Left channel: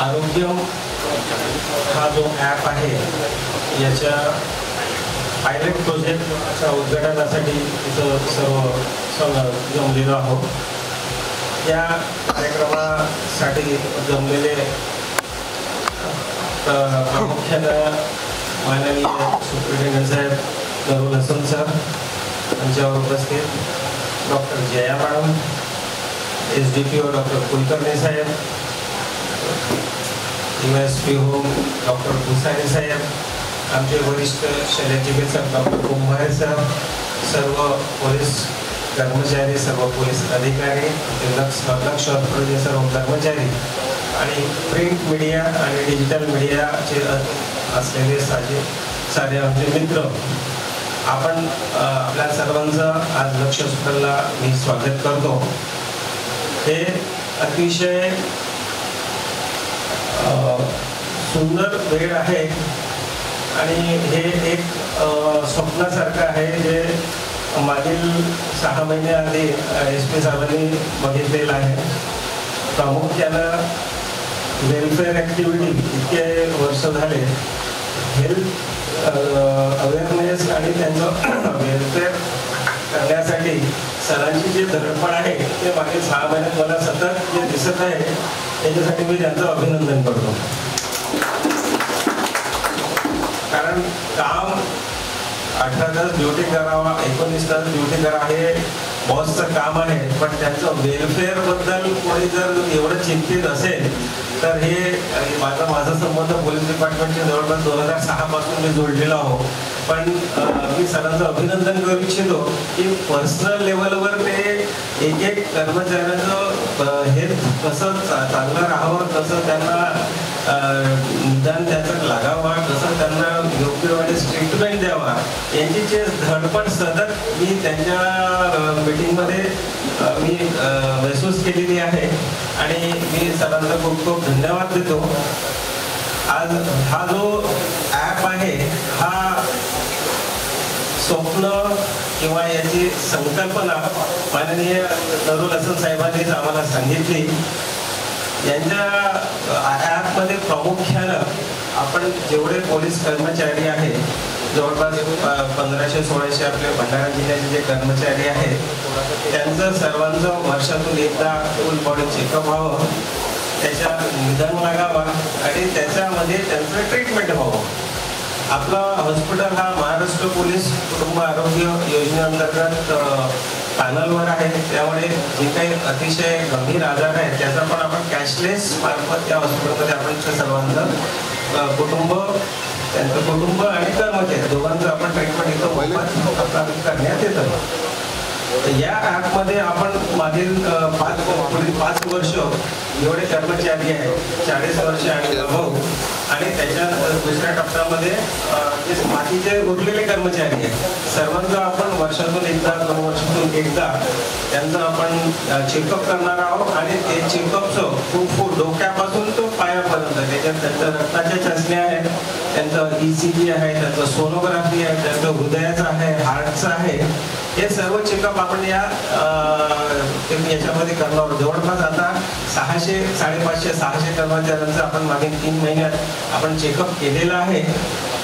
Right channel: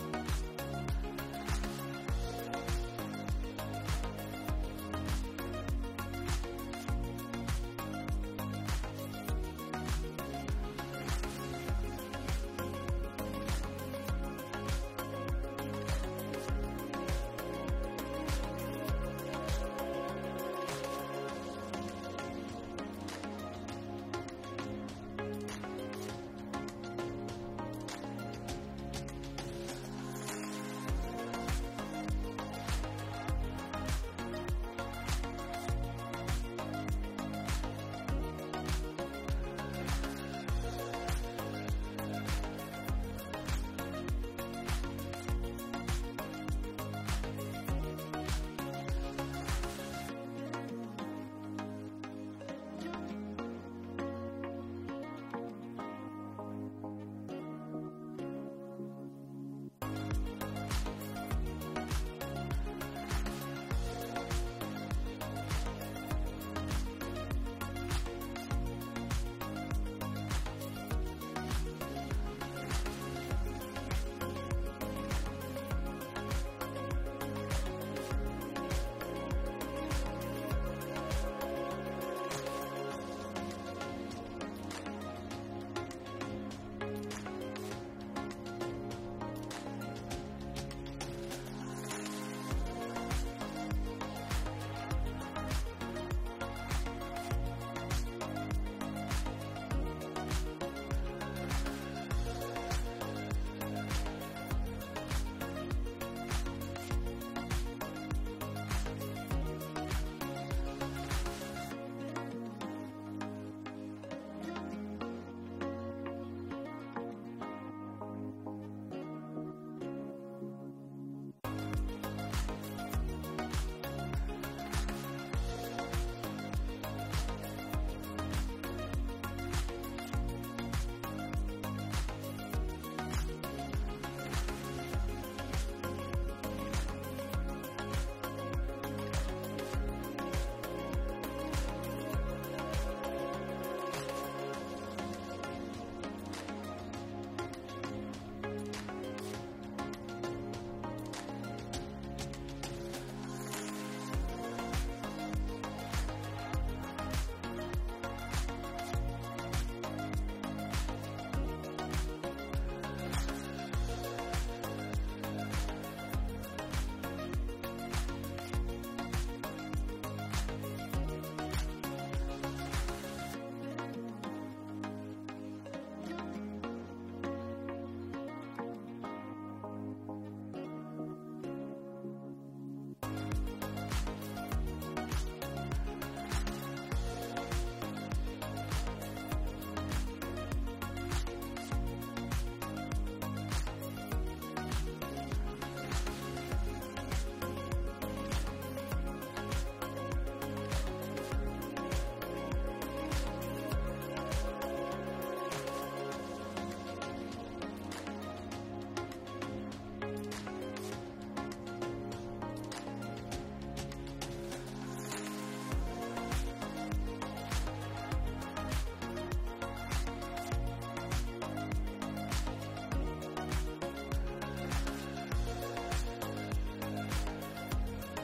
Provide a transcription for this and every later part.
आरोग्यम हा जो ॲप आहे याच्या पायलट प्रोजेक्टच्या उद्घाटनासाठी इथं सर्व जमलेलो आहोत. या कार्यक्रमासाठी जमलेले प्रामुख्यानं माननीय सुप्रिटेंडंट साहेब दरुल हसन सर यांच्यावर उपस्थित, doctor Jaya madam, SDPO doctor Kulkarni साहेब, USP होम डॉक्टर भुसारे साहेब, आमचे वरिष्ठ शल्यचिकित्सक डॉक्टर कुंभारे सर, सर्व पोलीस कर्मचारी, सर्व पोलीस अधिकारी, लक्ष सर्व कर्मचारी आणि प्रिंट मीडिया आणि डिजिटल मीडियाचे असलेले सारे आमचे मित्र, आपण आपल्या सर्वांचं आज लक्ष हॉस्पिटलला मी स्वागत करतो. हे अतिशय सुंदर वेळ आहे आणि हे एक स्वप्नासारखं आहे जे मागील 6 महिने आधी SP साहेबांनी बघितलेलं आहे. प्रामुख्यानं वेलफेअर ॲक्टिव्हिटी इतके वर्ष झाले, हेल्थ अवेअरनेस आणि त्यांचं वेलफेअर करण्यासाठी सरांची जी धडपड आहे ते मागील 6 महिन्यात मला सतत जे दिसत आहे त्याच्यासाठी मी त्यांचं अभिनंदन करतो. कारण काम 18 तास ड्युटी करावा, 19 तास ड्युटी करा हे बॉसचं काम आहे, पण त्यांचं वेलफेअर बद्दल कोणी जर एवढं चिंतित असेल तर हे माझा संबंध पोलीस डिपार्टमेंटच्या जवळपास 2006 पासून मी जोडलेलो आहो. पण मी सरांचं अभिनंदन करू इच्छितो की पर्सनल लेवलवर ते एक कर्मचाऱ्याचं हेल्थ कसं चांगलं राहावं, कसं त्यांना निदान त्याचं लागावा, कसं त्यांना योग्य वेळेस ट्रीटमेंट द्यावा, यांची जे धडपड सतत मी त्यांच्या मीटिंगमध्ये मी महसूस केलेली आहे आणि मी सरांचा खूप खूप धन्यवाद देतो. आज हा जो ॲप आहे हा स्वप्न किंवा याची संकल्पना माननीय दरुल हसन साहेबांनीच आम्हाला सांगितली. यांच्या ॲपमध्ये प्रामुख्यानं आपण जेवढे पोलीस कर्मचारी आहेत, जवळपास 1500-1600 आपले भंडारा जिल्ह्याचे जे कर्मचारी आहेत, त्यांचं सर्वांचं वर्षातून एकदा फुल बॉडी चेकअप व्हावं, त्याच्या निदान लागावा आणि त्याच्यामध्ये त्यांचं ट्रीटमेंट व्हावं. आपला हॉस्पिटल हा महाराष्ट्र पोलीस कुटुंब आरोग्य योजनेअंतर्गत पॅनलवर आहे, त्यामुळे जे काही अतिशय गंभीर आजार आहे त्याचा पण आपण कॅशलेस मार्फत त्या हॉस्पिटलमध्ये आपण सर्वांचं कुटुंब, त्यांचं कुटुंब आणि कर्मचारी दोघांचं आपण ट्रीटमेंट इथं करण्यात येतं. या ॲपमध्ये आपण मागील 5 वर्ष एवढे कर्मचारी आहेत, 40 वर्ष आणि अनुभव, आणि त्याच्या दुसऱ्या टप्प्यामध्ये जे बाकीचे उरलेले कर्मचारी आहेत सर्वांचं आपण वर्षातून एकदा 2 वर्षातून एकदा त्यांचं आपण चेकअप करणार आहोत. आणि ते चेकअपचं खूप डोक्यापासून तो पायापर्यंत त्याच्यात त्यांचं रक्ताच्या चाचण्या आहेत, त्यांचं ECG आहे, त्यांचं सोनोग्राफी आहे, त्यांचं हृदयाचं आहे, हार्टचं आहे, हे सर्व चेकअप आपण याच्यामध्ये करणार आहोत. जवळपास आता 550-600 कर्मचाऱ्यांचं आपण मागील 3 महिन्यात आपण चेकअप केलेलं आहे.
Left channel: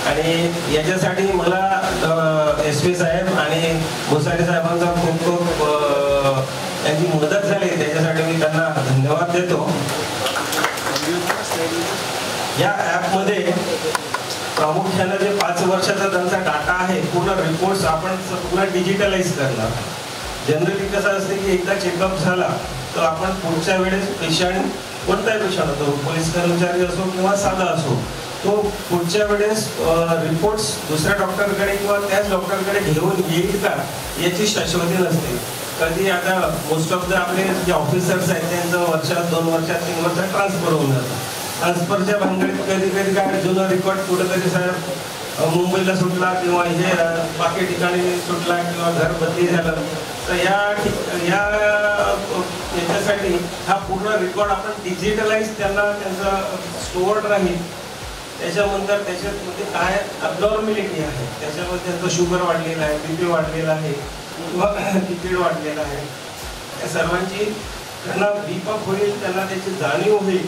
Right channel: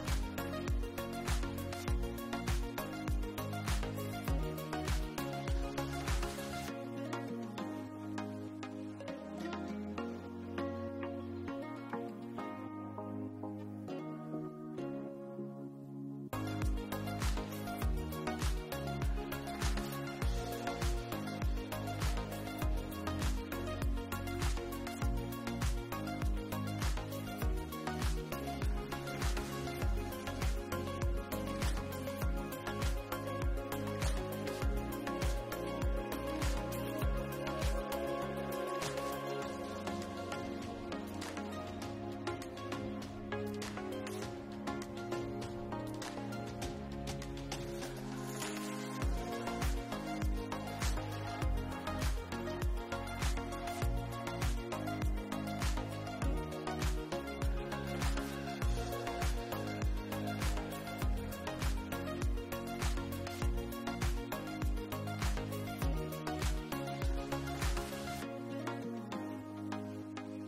आणि याच्यासाठी मला SP साहेब आणि भुसारे साहेबांचा खूप त्यांची मदत झाली, त्याच्यासाठी मी त्यांना धन्यवाद देतो. या ॲपमध्ये प्रामुख्यानं जे 5 वर्षाचा त्यांचा डाटा आहे, पूर्ण रिपोर्ट्स आपण पूर्ण डिजिटलाइज करणार. जनरली कसं असते की एकदा चेकअप झाला तर आपण पुढच्या वेळेस पेशंट, कोणताही पेशंट असो, पोलीस कर्मचारी असो किंवा साधा असो, तो पुढच्या वेळेस रिपोर्ट्स दुसऱ्या डॉक्टरकडे किंवा त्याच डॉक्टरकडे घेऊन येईल का याची शाश्वती नसते. कधी आता मोस्ट ऑफ द आपले जे ऑफिसर्स आहेत त्यांचं वर्षात 2 वर्षात 3 वर्षात ट्रान्सफर होऊन जातं. ट्रान्सफरच्या भानगडीत कधी काय जुना रेकॉर्ड कुठेतरी साहेब मुंबईला सुटला किंवा हे बाकी ठिकाणी सुटला किंवा घर बदली झालं, तर याच्यासाठी हा पूर्ण रेकॉर्ड आपण डिजिटलाइज त्यांचा स्टोअर्ड राहील. त्याच्यानंतर त्याच्यामध्ये काय अबनॉर्मॅलिटी आहे, त्याच्यामध्ये त्यांचं शुगर वाढलेलं आहे, BP वाढलेला आहे किंवा लिपिड वाढलेला आहे, त्या सर्वांची त्यांना बीपअप होईल, त्यांना त्याची जाणीव होईल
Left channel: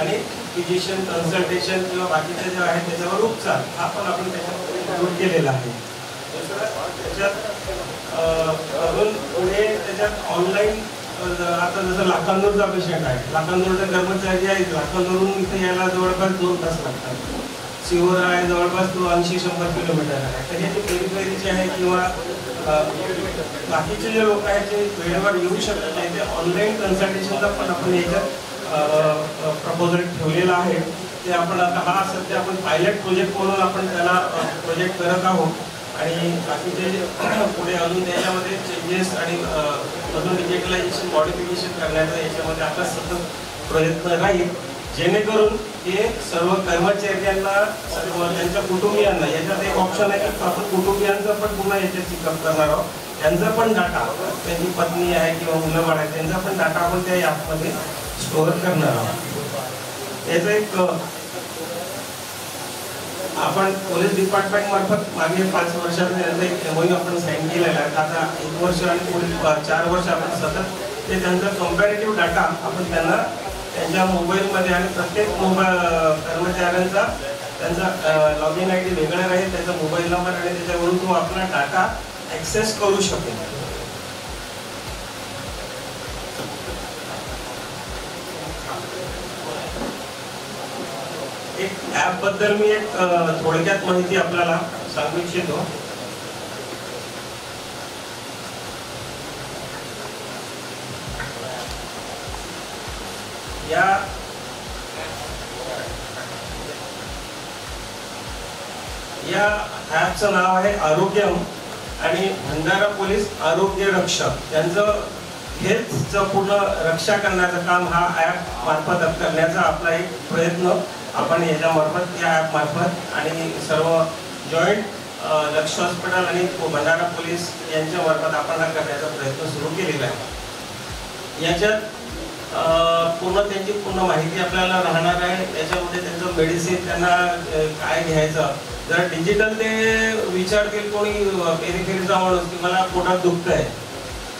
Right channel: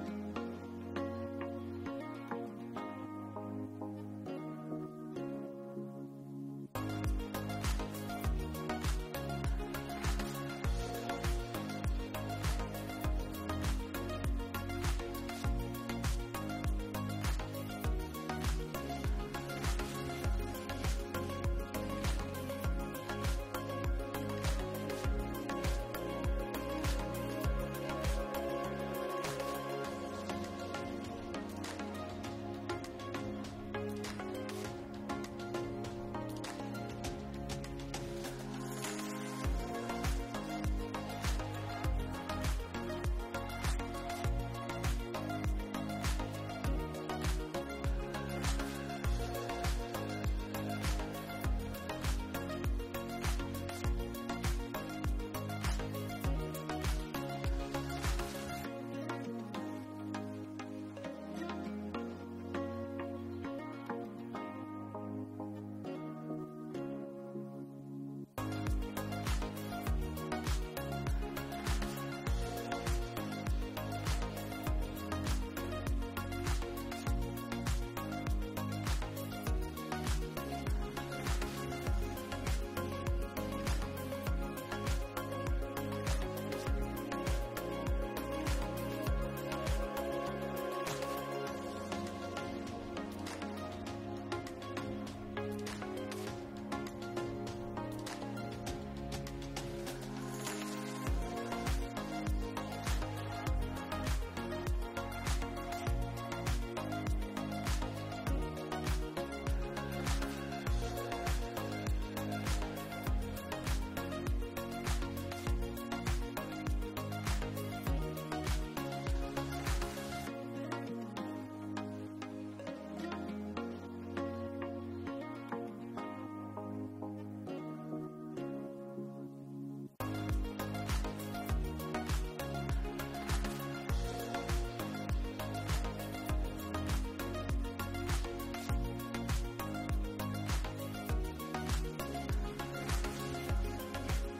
आणि फिजिशियन कन्सल्टेशन किंवा बाकीचे जे आहे त्याच्यावर उपचार हा पण आपण त्याच्यामध्ये इन्क्लूड केलेला आहे. त्याच्यात अजून पुढे त्याच्यात ऑनलाईन आता जसं लाखांदूरचा पेशंट आहे, लाखांदूरचे कर्मचारी आहेत, लाखांदूरहून इथे यायला जवळपास 2 तास लागतात. शिवोर आहे जवळपास तो 80-100 किलोमीटर आहे. तर हे जे पेरीफेरीचे आहे किंवा बाकीचे जे लोक आहेत जे वेळेवर येऊ शकत नाही ते ऑनलाईन कन्सल्टेशनचा पण आपण याच्यात प्रपोजल ठेवलेला आहे. ते आपण आता हा सध्या आपण पायलट प्रोजेक्ट म्हणून आपण त्याला प्रोजेक्ट करत आहोत आणि बाकीचे पुढे अजून त्याच्यामध्ये चेंजेस आणि अजून डिजिटलायझेशन मॉडिफिकेशन करण्याचा याच्यामध्ये आपला सतत प्रयत्न राहील, जेणेकरून हे सर्व कर्मचाऱ्यांना सर्व त्यांच्या कुटुंबियांना याच्यात एक ऑप्शन आहे की आपण कुटुंबियांचा पण पुन्हा याच्यात चेकअप करणार आहोत. त्यांचा पण डाटा, त्यांची पत्नी आहे किंवा मुलं बाळ आहे त्यांचा पण डाटा आपण त्या ॲपमध्ये स्टोअर करणार आहोत. याचा एक आपण पोलीस डिपार्टमेंट मार्फत मागे 5 वर्षात त्यांचा एक MOU आपण साईन केलेला आहे. आता 1 वर्ष आणि पुढील 4 वर्ष आपण सतत ते त्यांचा कम्पॅरेटिव्ह डाटा आपण त्यांना त्यांच्या मोबाईलमध्ये आणि प्रत्येक कर्मचाऱ्यांचा त्यांचा लॉग इन ID वेगळा राहील, त्याचा मोबाईल नंबर आणि त्याच्यावरून तो आपला डाटा ॲक्सेस करू शकेल. एक ॲप बद्दल मी एक थोडक्यात माहिती आपल्याला सांगू इच्छितो. या ॲपचं नाव आहे आरोग्यम आणि भंडारा पोलीस आरोग्य रक्षक यांचं हेल्थचं पूर्ण रक्षा करण्याचं काम हा ॲप मार्फत करण्याचा आपला एक प्रयत्न आपण याच्या मार्फत या ॲप मार्फत आणि सर्व जॉईंट लक्ष हॉस्पिटल आणि भंडारा पोलीस यांच्या मार्फत आपण हा करण्याचा प्रयत्न सुरू केलेला आहे. याच्यात पूर्ण त्यांची पूर्ण माहिती आपल्याला राहणार आहे. त्याच्यामध्ये त्यांचं मेडिसिन त्यांना काय घ्यायचं, जर डिजिटल ते विचारतील कोणी पेरीफेरीचा माणूस की मला पोटात दुखत आहे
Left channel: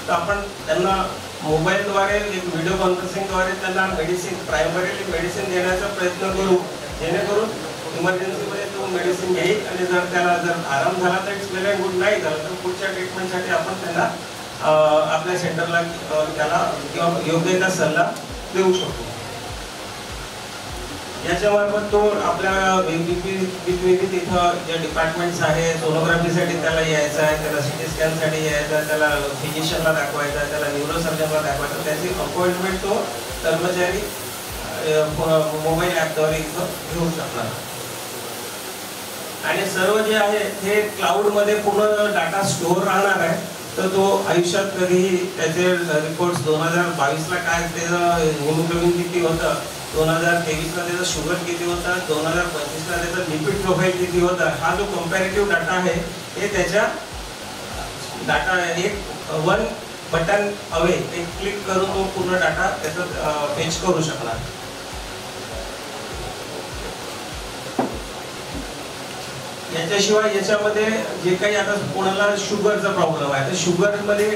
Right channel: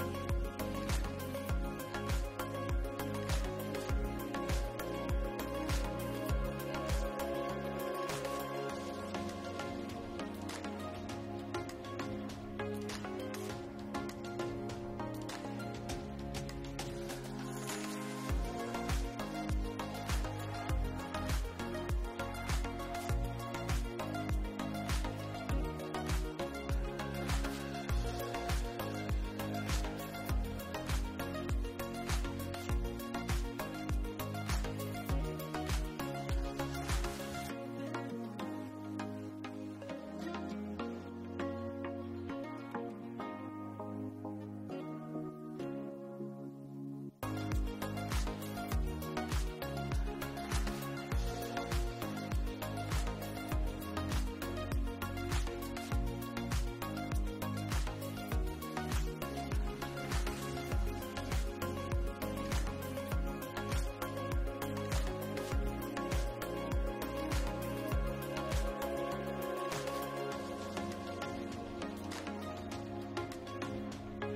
तर आपण त्यांना मोबाईलद्वारे एक व्हिडिओ कॉन्फरन्सिंगद्वारे त्यांना मेडिसिन प्रायमरीली मेडिसिन देण्याचा प्रयत्न करू, जेणेकरून इमर्जन्सीमध्ये तो मेडिसिन घेईल आणि जर त्याला जर आराम झाला तर इट्स वेल अँड गुड, नाही झाला तर पुढच्या ट्रीटमेंटसाठी आपण त्यांना आपल्या सेंटरला त्याला किंवा योग्य त्या सल्ला देऊ शकतो. याच्यामार्फत तो आपल्या वेगवेगळी तिथं जे डिपार्टमेंट्स आहे, सोनोग्राफीसाठी त्याला यायचं आहे, त्याला CT स्कॅनसाठी यायचं आहे, त्याला फिजिशियनला दाखवायचं आहे, त्याला न्यूरोसर्जनला दाखवायचं, त्याची अपॉइंटमेंट तो कर्मचारी मोबाईल ॲपद्वारे इथं घेऊ शकणार. आणि सर्व जे आहे हे क्लाउडमध्ये पूर्ण डाटा स्टोअर राहणार आहे. तर तो आयुष्यात कधीही त्याचे रिपोर्ट्स 2022ला काय त्याचं हिमोग्लोबिन किती होतं, 2023ला त्याचं शुगर किती होतं, 2025ला त्याचं लिपिड प्रोफाईल किती होतं, हा जो कम्पॅरेटिव्ह डाटा आहे हे त्याच्या डाटा एक 1 बटन अवे एक क्लिक करून तो पूर्ण डाटा त्याचा फेच करू शकणार. याच्याशिवाय याच्यामध्ये जे काही आता कोणाला शुगरचा प्रॉब्लेम आहे तर शुगरमध्ये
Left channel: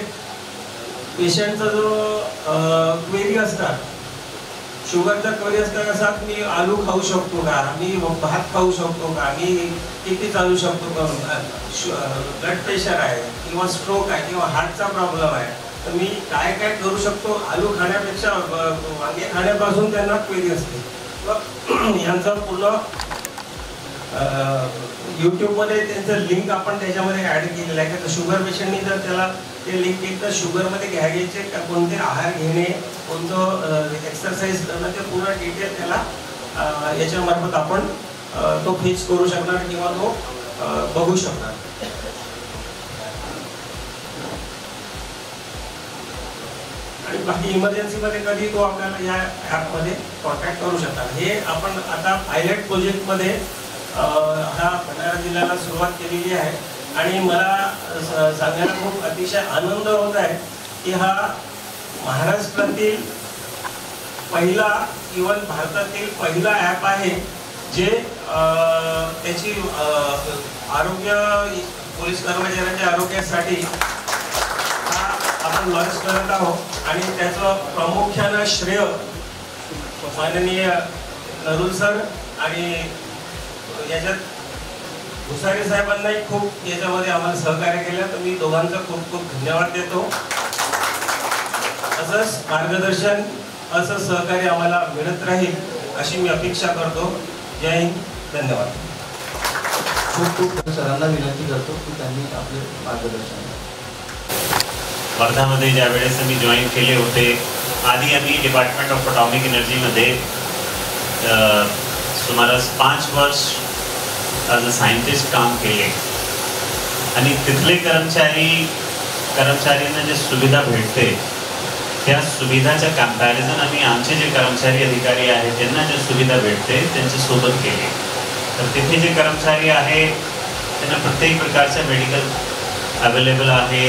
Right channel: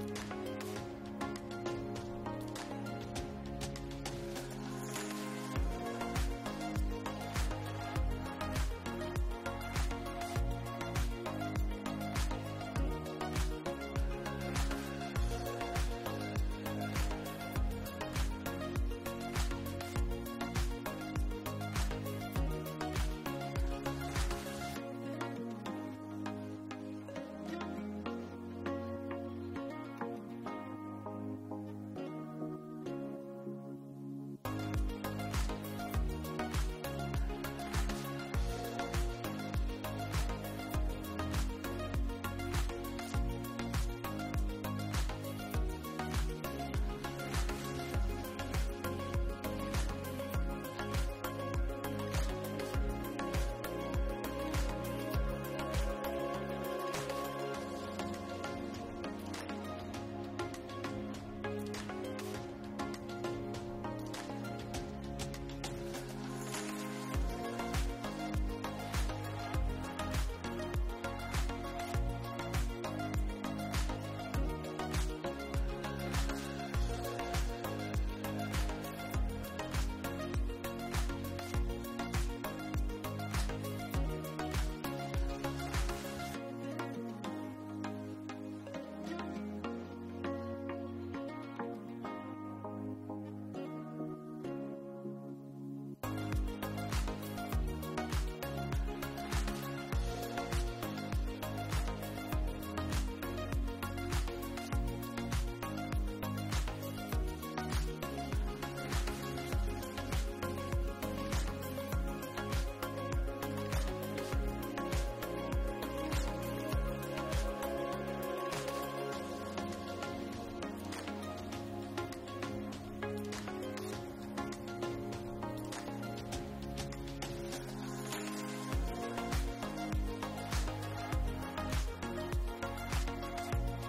पेशंटचा जो क्वेरी असतात, शुगरचा क्वेरी असतात कसा मी आलू खाऊ शकतो का, मी भात खाऊ शकतो का, मी किती चालू शकतो का, ब्लड प्रेशर आहे किंवा स्ट्रोक आहे किंवा हार्टचा प्रॉब्लेम आहे तर मी काय काय करू शकतो. आलू खाण्यापेक्षा वांगे खाण्यापासून त्यांना क्वेरी असते. यांचा पूर्ण यूट्यूबमध्ये त्यांचं लिंक आपण त्याच्यामध्ये ॲड केलेलं आहे की शुगर पेशंटनी जर त्याला ते लिंक केलं तर शुगरमध्ये घ्यायचे का कोणते आहार घेणे, कोणतं एक्सरसाइज करणं ते पूर्ण डिटेल त्याला याच्यामार्फत आपण तो फेच करू शकणार किंवा तो बघू शकणार. आणि बाकी इमर्जन्सीमध्ये कधी तो आपल्याला या ॲपमध्ये कॉन्टॅक्ट करू शकणार. हे आपण आता पायलट प्रोजेक्टमध्ये हा भंडारा जिल्ह्याला सुरुवात केलेली आहे आणि मला सांगायला खूप अतिशय आनंद होत आहे की हा महाराष्ट्रातील पहिला इव्हन भारतातील पहिला ॲप आहे जे त्याची आरोग्य पोलीस कर्मचाऱ्यांच्या आरोग्यासाठी हा आपण लॉन्च करत आहोत. आणि त्याचं प्रामुख्यानं श्रेय माननीय नरुल सर आणि याच्यात भुसारे साहेबांनाही खूप याच्यामध्ये आम्हाला सहकार्य केलं, तर मी दोघांचा खूप खूप धन्यवाद देतो. असंच मार्गदर्शन, असं सहकार्य आम्हाला मिळत राहील अशी मी अपेक्षा करतो. जय हिंद, धन्यवाद. खूप खूप सरांना विनंती करतो की त्यांनी आपले मार्गदर्शन. वर्धामध्ये ज्या वेळेस आम्ही जॉईन केले होते, आधी आम्ही डिपार्टमेंट ऑफ अटॉमिक एनर्जीमध्ये सुमारास 5 वर्ष ॲज अ सायंटिस्ट काम केले आणि तिथले कर्मचाऱ्यांना जे सुविधा भेटते त्या सुविधाच्या कंपॅरिझन आम्ही आमचे जे कर्मचारी अधिकारी आहेत त्यांना जे सुविधा भेटते त्यांच्यासोबत केले. तर तिथे जे कर्मचारी आहे त्यांना प्रत्येक प्रकारचं मेडिकल अवेलेबल आहे.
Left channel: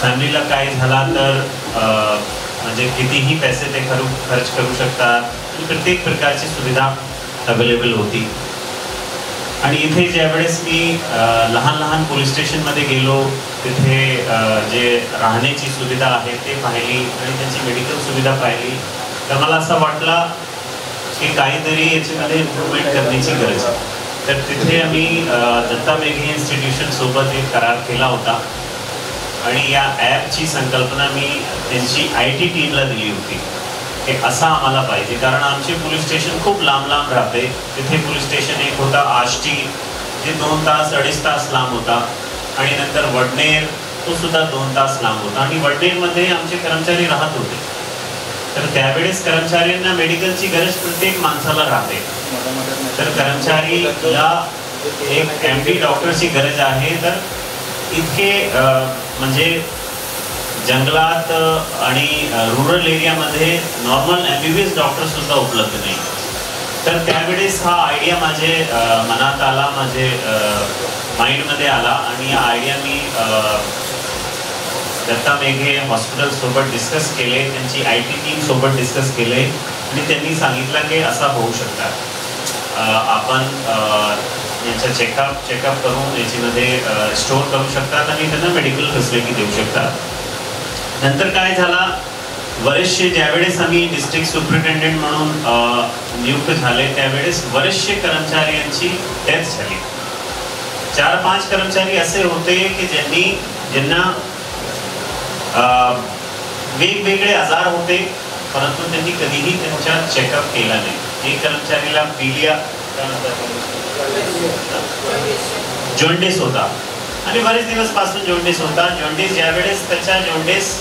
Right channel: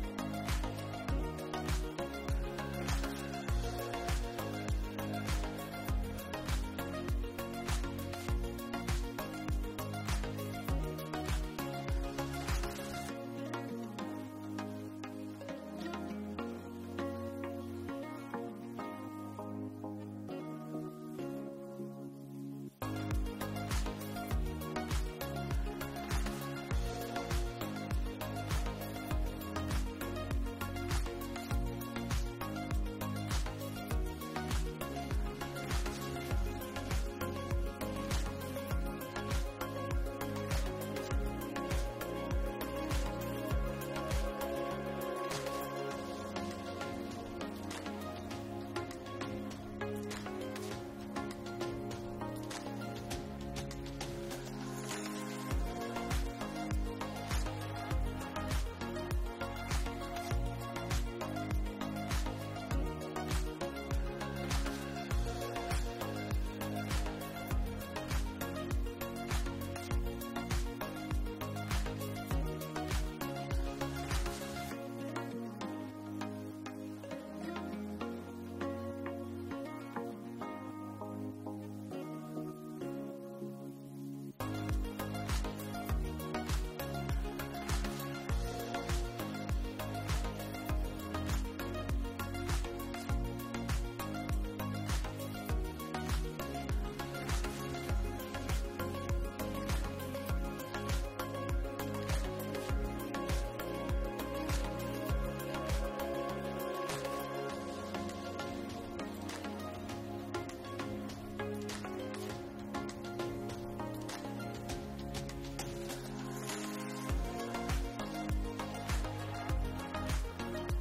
फॅमिलीला काय झाला तर म्हणजे कितीही पैसे ते खर्च करू शकतात. प्रत्येक प्रकारची सुविधा अवेलेबल होती. आणि इथे ज्यावेळेस मी लहान लहान पोलीस स्टेशनमध्ये गेलो, तिथे जे राहण्याची सुविधा आहे ते पाहिली आणि त्यांची मेडिकल सुविधा पाहिली, तर मला असं वाटलं की काहीतरी याच्यामध्ये इम्प्रूव्हमेंट करण्याची गरज आहे. तर तिथे आम्ही दत्ता मेघे इन्स्टिट्यूशन सोबत एक करार केला होता आणि या ॲपची संकल्पना मी त्यांची IT टीमला दिली होती की असं आम्हाला पाहिजे. कारण आमचे पोलीस स्टेशन खूप लांब लांब राहते. तिथे पोलीस स्टेशन एक होता आष्टी, जे 2 तास 2.5 तास लांब होता, आणि नंतर वडनेर, तो सुद्धा 2 तास लांब होता. आणि वडनेरमध्ये आमचे कर्मचारी राहत होते. तर त्यावेळेस कर्मचाऱ्यांना मेडिकलची गरज प्रत्येक माणसाला राहते. तर कर्मचारीला एक MD डॉक्टरची गरज आहे. तर इतके म्हणजे जंगलात आणि रुरल एरियामध्ये नॉर्मल MBBS डॉक्टर सुद्धा उपलब्ध नाही. तर त्यावेळेस हा आयडिया माझे मनात आला, माझे माइंडमध्ये आला आणि हा आयडिया मी दत्ता मेघे हॉस्पिटल सोबत डिस्कस केले, त्यांची IT टीम सोबत डिस्कस केले आणि त्यांनी सांगितलं की असा होऊ शकतात. आपण यांचा चेकअप करून याच्यामध्ये स्टोअर करू शकतात आणि त्यांना मेडिकल फॅसिलिटी देऊ शकतात. नंतर काय झाला, बरेचसे ज्यावेळेस आम्ही डिस्ट्रिक्ट सुपरिटेंडेंट म्हणून नियुक्त झाले त्यावेळेस बरेचसे कर्मचाऱ्यांची डेथ झाली. 4-5 कर्मचारी असे होते की ज्यांना वेगवेगळे आजार होते, परंतु त्यांनी कधीही त्यांचा चेकअप केला नाही. एक कर्मचारीला जॉन्डिस होता आणि बरेच दिवसपासून जॉन्डिस होता. जॉन्डिस ज्यावेळेस त्याचा जॉन्डिस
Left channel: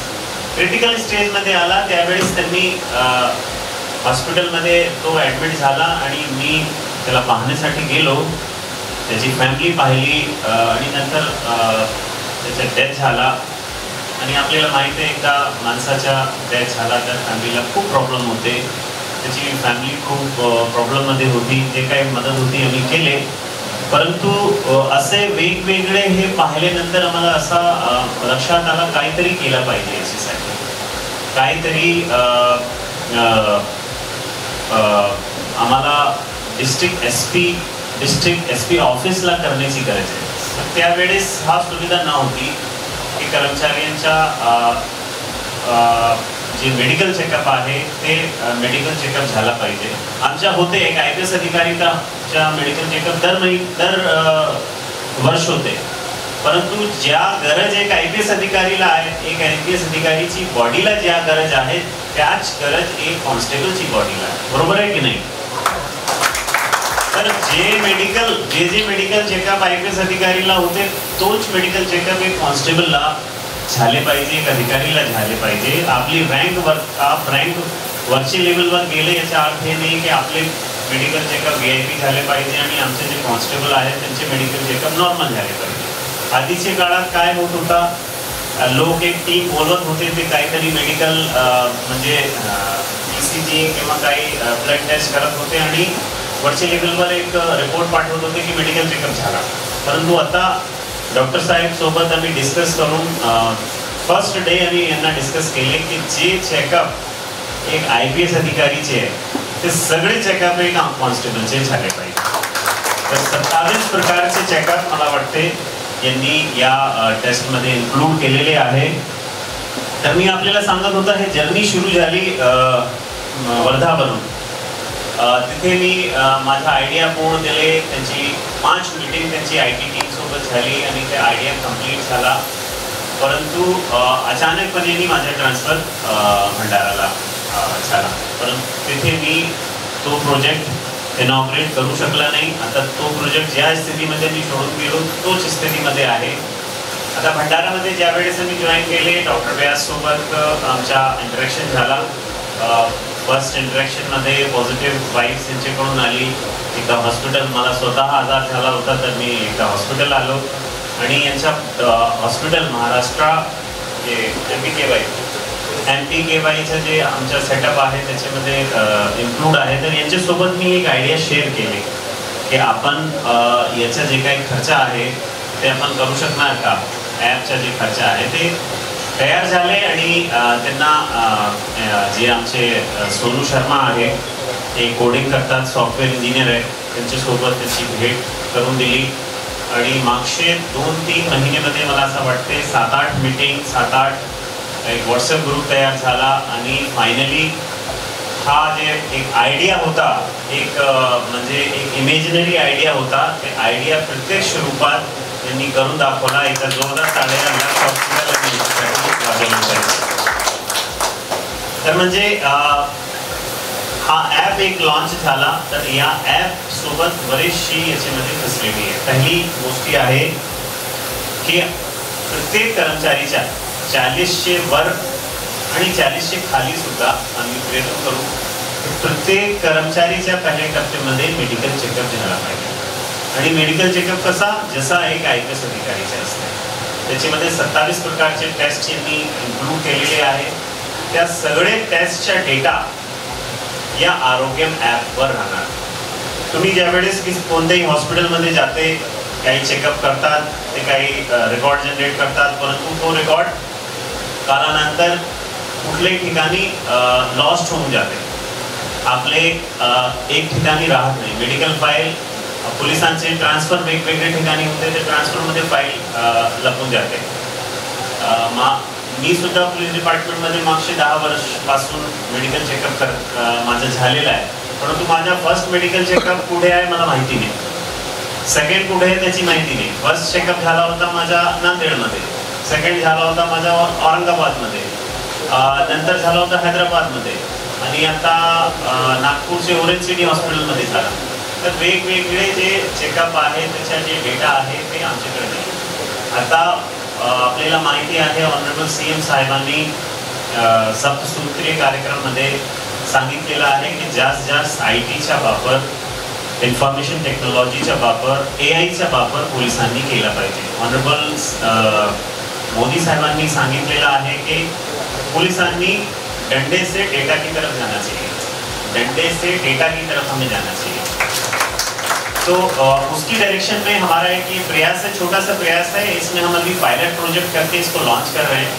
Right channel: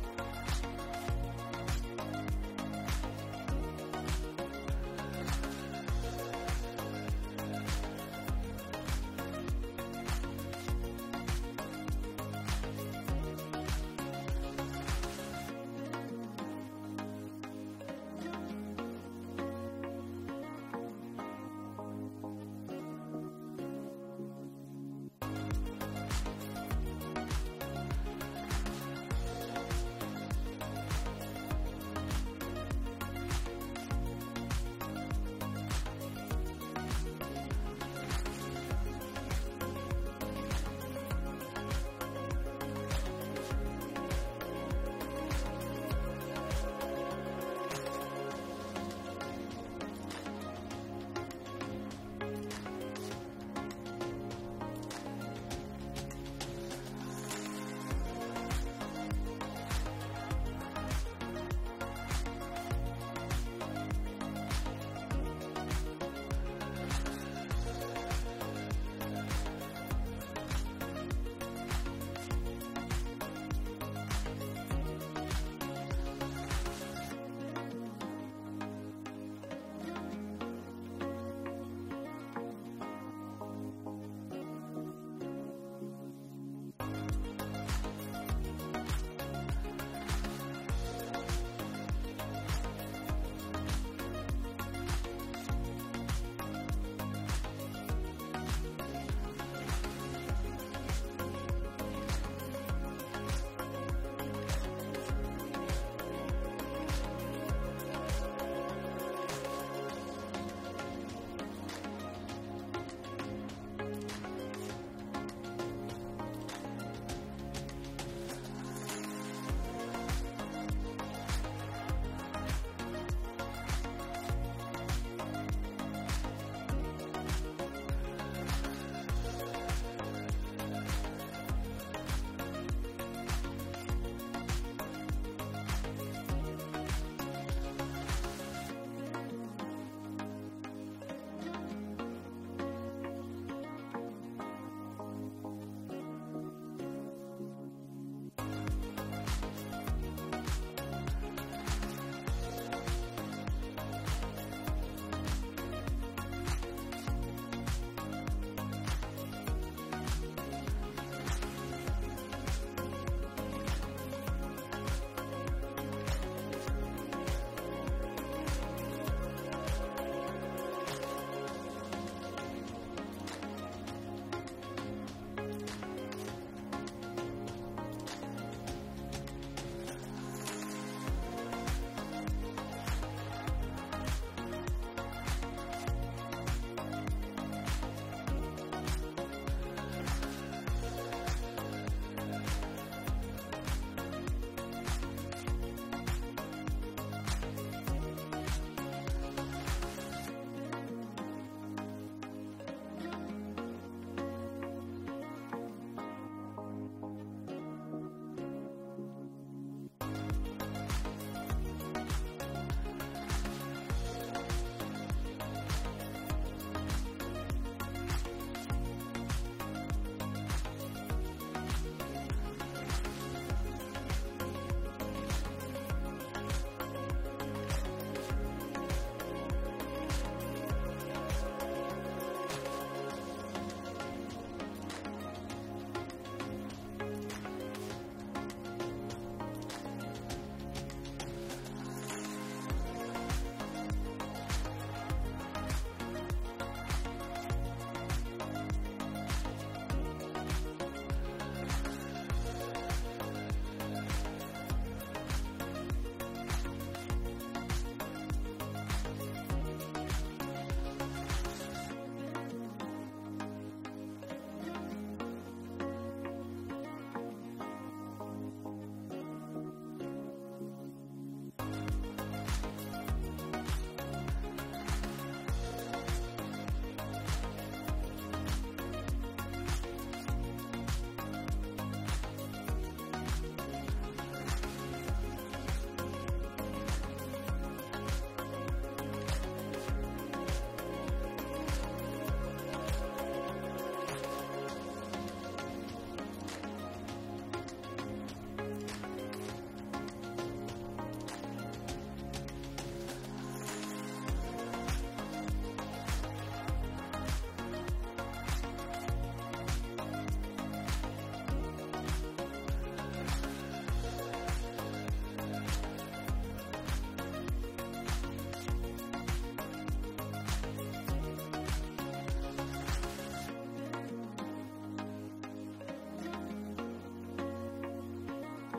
क्रिटिकल स्टेजमध्ये आला त्यावेळेस त्यांनी हॉस्पिटलमध्ये तो ॲडमिट झाला आणि मी त्याला पाहण्यासाठी गेलो. त्याची फॅमिली पाहिली आणि नंतर त्याचा डेथ झाला. आणि आपल्याला माहिती आहे एकदा माणसाच्या डेथ झाला तर फॅमिलीला खूप प्रॉब्लेम होते. त्याची फॅमिली खूप प्रॉब्लेममध्ये होती. जे काही मदत होती आम्ही केले, परंतु असे वेगवेगळे हे पाहिल्यानंतर आम्हाला असा लक्षात आला काहीतरी केलं पाहिजे याच्यासाठी. काहीतरी आम्हाला डिस्ट्रिक्ट SP ऑफिसला करण्याची गरज आहे. तर त्यावेळेस हा सुविधा नव्हती की कर्मचाऱ्यांच्या जे मेडिकल चेकअप आहे ते मेडिकल चेकअप झाला पाहिजे. आमच्या होते एक IPS अधिकारीचा मेडिकल चेकअप दर वर्ष होते, परंतु ज्या गरज एक IPS अधिकारीला आहे, एक IPS अधिकारीची बॉडीला ज्या गरज आहे त्याच गरज एक कॉन्स्टेबलची बॉडीला आहे. बरोबर आहे की नाही? तर जे मेडिकल चेकअप IPS अधिकारीला होते तोच मेडिकल चेकअप एक कॉन्स्टेबलला झाले पाहिजे, एक अधिकारीला झाले पाहिजे. आपली रँक वरच्या लेवलवर गेले याचा अर्थ हे नाही की आपले मेडिकल चेकअप VIP झाले पाहिजे आणि आमचे जे कॉन्स्टेबल आहेत त्यांचे मेडिकल चेकअप नॉर्मल झाले पाहिजे. आधीच्या काळात काय होत होता, लोक एक टीम बोलवत होते, ते काहीतरी मेडिकल म्हणजे ECG किंवा काही ब्लड टेस्ट करत होते आणि वरच्या लेवलवर एक रिपोर्ट पाठवत होते की मेडिकल चेकअप झाला. परंतु आता डॉक्टर साहेब सोबत आम्ही डिस्कस करून फर्स्ट डे आम्ही यांना डिस्कस केले की जे चेकअप एक IPS अधिकारीचे आहे ते सगळे चेकअप एक कॉन्स्टेबलचे झाले पाहिजे. तर 27 प्रकारचे चेकअप मला वाटते यांनी या टेस्टमध्ये इन्क्लूड केलेले आहे. तर मी आपल्याला सांगत होता हे जर्नी सुरू झाली वर्धावरून तिथे मी माझा आयडिया पूर्ण दिले. त्यांची 5 मीटिंग त्यांची IT टीम सोबत झाली आणि ते आयडिया कंप्लीट झाला. परंतु अचानकपणे माझा ट्रान्सफर भंडाराला झाला. परंतु तिथे मी तो प्रोजेक्ट इनॉग्रेट करू शकला नाही. आता तो प्रोजेक्ट ज्या स्थितीमध्ये मी सोडून गेलो तोच स्थितीमध्ये आहे. आता भंडारामध्ये ज्या वेळेस मी जॉईन केले, डॉक्टर व्यास सोबत आमचा इंटरॅक्शन झाला. फर्स्ट इंटरॅक्शनमध्ये पॉझिटिव्ह वाईब्स यांच्याकडून आली. एकदा हॉस्पिटल, मला स्वतः आजार झाला होता तर मी एकदा हॉस्पिटल आलो आणि यांच्या हॉस्पिटल महाराष्ट्र जे MPKYचं जे आमचं सेटअप आहे त्याच्यामध्ये इन्क्लूड आहे. तर यांच्यासोबत मी एक आयडिया शेअर केली की आपण याचा जे काही खर्च आहे ते आपण करू शकणार का. ॲपचा जे खर्च आहे ते तयार झाले आणि त्यांना जे आमचे सोनू शर्मा आहे ते कोडिंग करतात, सॉफ्टवेअर इंजिनियर आहे, त्यांच्यासोबत त्यांची भेट करून दिली. आणि मागचे 2-3 महिन्यामध्ये मला असं वाटते 7-8 मीटिंग, 7-8 एक व्हॉट्सअप ग्रुप तयार झाला आणि फायनली हा जे एक आयडिया होता, एक म्हणजे एक इमेजिनरी आयडिया होता, ते आयडिया प्रत्यक्ष रूपात त्यांनी करून दाखवला. एका जोरदार टाळ्या तर म्हणजे हा ॲप एक लॉन्च झाला. तर या ॲप सोबत बरीचशी याच्यामध्ये फॅसिलिटी आहे. पहिली गोष्टी आहे की प्रत्येक कर्मचारीच्या 40चे वर आणि 40चे खाली सुद्धा आम्ही प्रयत्न करू. प्रत्येक कर्मचारीच्या पहिल्या टप्प्यामध्ये मेडिकल चेकअप झाला पाहिजे. आणि मेडिकल चेकअप कसा, जसा एक IPS अधिकारीचा असते. त्याच्यामध्ये 27 प्रकारचे टेस्ट यांनी इन्क्लूड केलेले आहे. त्या सगळे टेस्टच्या डेटा या आरोग्यम ॲपवर राहणार. तुम्ही ज्यावेळेस की कोणत्याही हॉस्पिटलमध्ये जाते, काही चेकअप करतात, ते काही रेकॉर्ड जनरेट करतात, परंतु तो रेकॉर्ड कालानंतर कुठल्याही ठिकाणी लॉस्ट होऊन जाते. आपले एक ठिकाणी राहत नाही. मेडिकल फाईल पोलिसांचे ट्रान्सफर वेगवेगळ्या ठिकाणी होते, ते ट्रान्सफरमध्ये फाईल लपून जाते. मी सुद्धा पोलीस डिपार्टमेंटमध्ये मागचे 10 वर्षपासून मेडिकल चेकअप माझं झालेलं आहे. परंतु माझा फर्स्ट मेडिकल चेकअप कुठे आहे मला माहिती नाही. सेकंड कुठे आहे त्याची माहिती नाही. फर्स्ट चेकअप झाला होता माझा नांदेडमध्ये, सेकंड झाला होता माझा औरंगाबादमध्ये, नंतर झाला होता हैदराबादमध्ये आणि आता नागपूरचे ओरेंज सिटी हॉस्पिटलमध्ये झाला. तर वेगवेगळे जे चेकअप आहे त्याच्या जे डेटा आहे ते आमच्याकडे नाही. आता आपल्याला माहिती आहे ऑनरेबल CM साहेबांनी सप्तसूत्रीय कार्यक्रमामध्ये सांगितलेलं आहे की जास्त ITचा वापर, इन्फॉर्मेशन टेक्नॉलॉजीचा वापर, AIचा वापर पोलिसांनी केला पाहिजे. ऑनरेबल मोदी साहेबांनी सांगितलेलं आहे कि पुलिसांनी डंडे से डेटा की तरफ जाना चाहिए, डंडे से डेटा की तरफ हमें जाना चाहिए. तो उसकी डायरेक्शन में हमारा एक ये प्रयास है, छोटा सा प्रयास है. इसमें हम अभी पायलट प्रोजेक्ट करके इसको लॉन्च कर रहे हैं.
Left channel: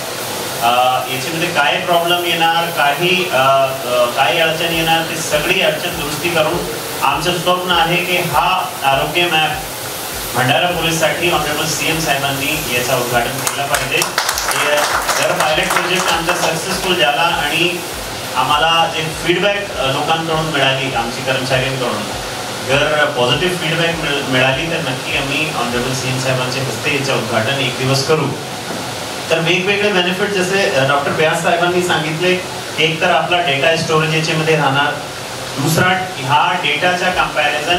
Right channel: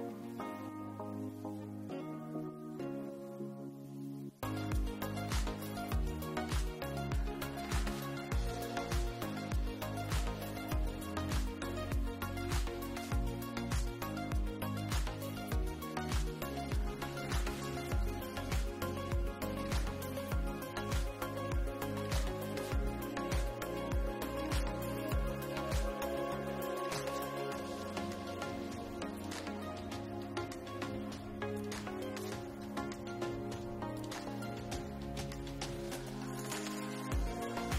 याच्यामध्ये काय प्रॉब्लेम येणार, काही अडचण येणार, ती सगळी अडचण दुरुस्ती करून आमचं स्वप्न आहे की हा आरोग्य मॅप भंडारा पोलीससाठी ऑनरेबल CM साहेबांनी याचा उद्घाटन केलं पाहिजे. जर पायलट प्रोजेक्ट आमचा सक्सेसफुल झाला आणि आम्हाला जे फीडबॅक लोकांकडून मिळाली, आमची कर्मचाऱ्यांकडून जर पॉझिटिव्ह फीडबॅक मिळाली तर नक्की आम्ही ऑनरेबल CM साहेबांच्या हस्ते याचं उद्घाटन एक दिवस करू. तर वेगवेगळे बेनिफिट जसे डॉक्टर व्यास साहेबांनी सांगितले, एक तर आपला डेटा स्टोरेज याच्यामध्ये राहणार, दुसरा हा डेटाचा कंपॅरिझन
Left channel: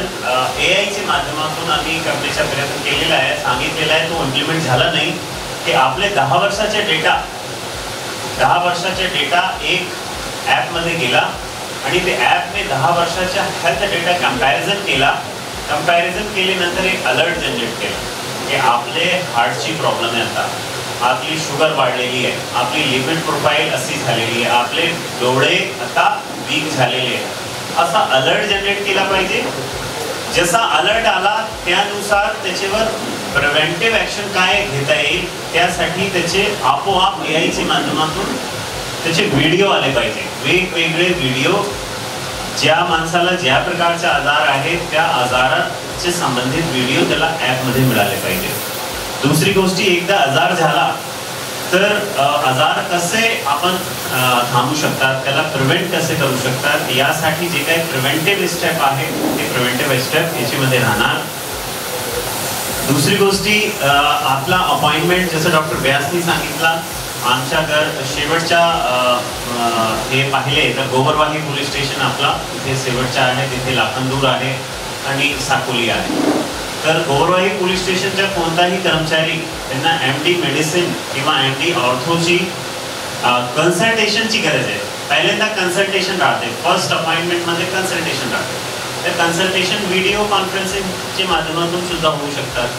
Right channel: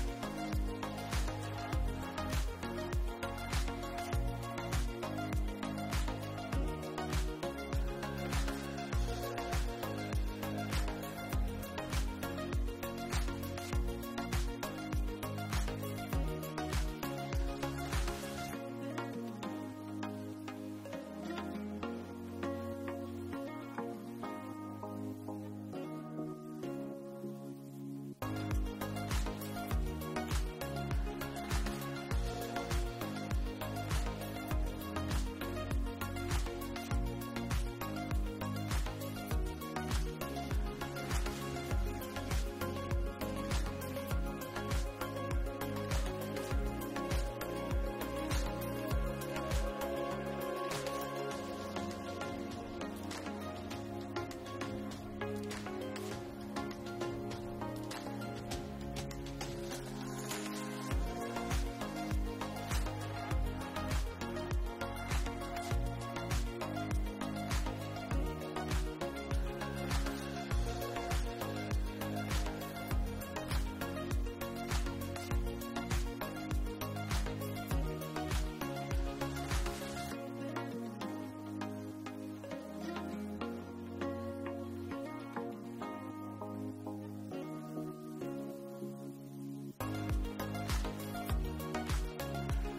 AIच्या माध्यमातून आम्ही करण्याचा प्रयत्न केलेला आहे, सांगितलेला आहे. तो इम्प्लिमेंट झाला नाही की आपले 10 वर्षाचे डेटा एक ॲपमध्ये गेला आणि ते ॲपने 10 वर्षाच्या हेल्थ डेटा कंपॅरिझन केल्यानंतर एक अलर्ट जनरेट केला की आपले हार्टची प्रॉब्लेम आहे, आता आपली शुगर वाढलेली आहे, आपली लिपिड प्रोफाईल अशी झालेली आहे, आपले डोळे आता वीक झालेले आहे, असा अलर्ट जनरेट केला पाहिजे. जसा अलर्ट आला त्यानुसार त्याच्यावर प्रिव्हेंटिव्ह ॲक्शन काय घेता येईल त्यासाठी त्याचे आपोआप AIच्या माध्यमातून त्याचे व्हिडिओ आले पाहिजे. वेगवेगळे व्हिडिओ ज्या माणसाला ज्या प्रकारचा आजार आहे त्या आजाराचे संबंधित व्हिडिओ त्याला ॲपमध्ये मिळाले पाहिजे. दुसरी गोष्टी, एकदा आजार झाला तर आजार कसे आपण थांबू शकतात, त्याला प्रिव्हेंट कसे करू शकतात, यासाठी जे काही प्रिव्हेंटिव्ह स्टेप आहे ते प्रिव्हेंटिव्ह स्टेप याच्यामध्ये राहणार. दुसरी गोष्टी, आपला अपॉइंटमेंट जसं डॉक्टर व्यासनी सांगितला, आमच्या शेवटच्या हे पाहिले तर गोवरवाही पोलीस स्टेशन आपला तिथे शेवटच्या आहे, तिथे लाखनदूर आहे आणि साकोली आहे. तर गोवरवाही पोलीस स्टेशनच्या कोणताही कर्मचारी त्यांना MD मेडिसिन किंवा MD ऑर्थोची कन्सल्टेशनची गरज आहे. पहिल्यांदा कन्सल्टेशन राहते, फर्स्ट अपॉइंटमेंटमध्ये कन्सल्टेशन राहते. तर कन्सल्टेशन व्हिडिओ कॉन्फरन्सिंगच्या माध्यमातून सुद्धा होऊ शकतात.